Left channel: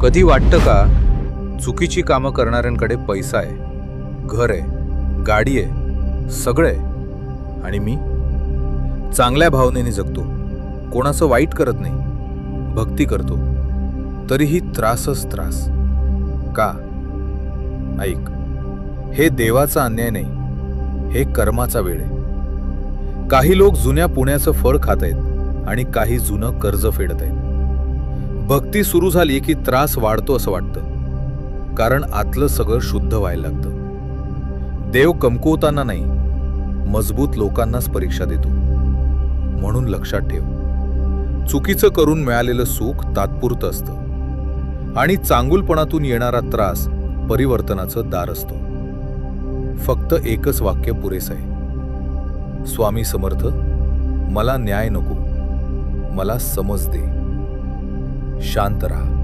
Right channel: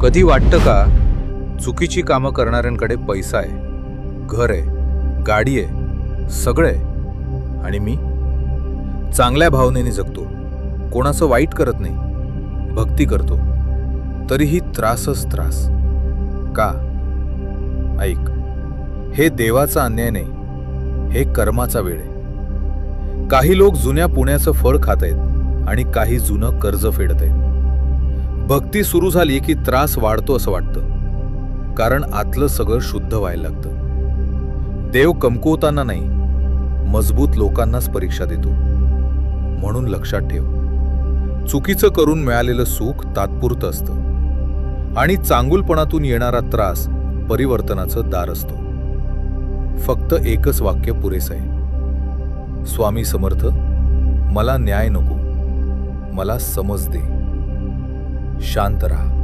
कधी वाटतं का चुकीची कामं करणाऱ्यांकडे पैसा आहे, घर आहे, गाडी आहे, सगळं आहे, आणि मी चांगल्या भावनेने जगतो, कोणाचं वाईट करत नाही, भक्ती करतो, तरीही त्रासच त्रास का? ऐक, हे देवाचा अन्याय नाही, हे कर्माचा वेळ आहे. काही लोक जुन्या पुण्याचं फळ खात आहेत आणि काही जुनं कर्ज फेडत आहेत. भक्ती सुरू झाली की त्रास वाढतो असं वाटतं, कारण आतलं सगळं शुद्ध व्हायला लागतं. देव कमकुवताना नाही, मजबूत लोकांनाच परीक्षा देतो. म्हणून लक्षात ठेव, चुकीचं करून मिळालेलं सुख तात्पुरतं असतं आणि चांगुलपणातून येणारा त्रास परिवर्तनाचं दार असतो. फक्त एकच वाक्य पुरेसं आहे, स्वामी समर्थ, मला न्याय नको, मला समज दे. शांत राहा.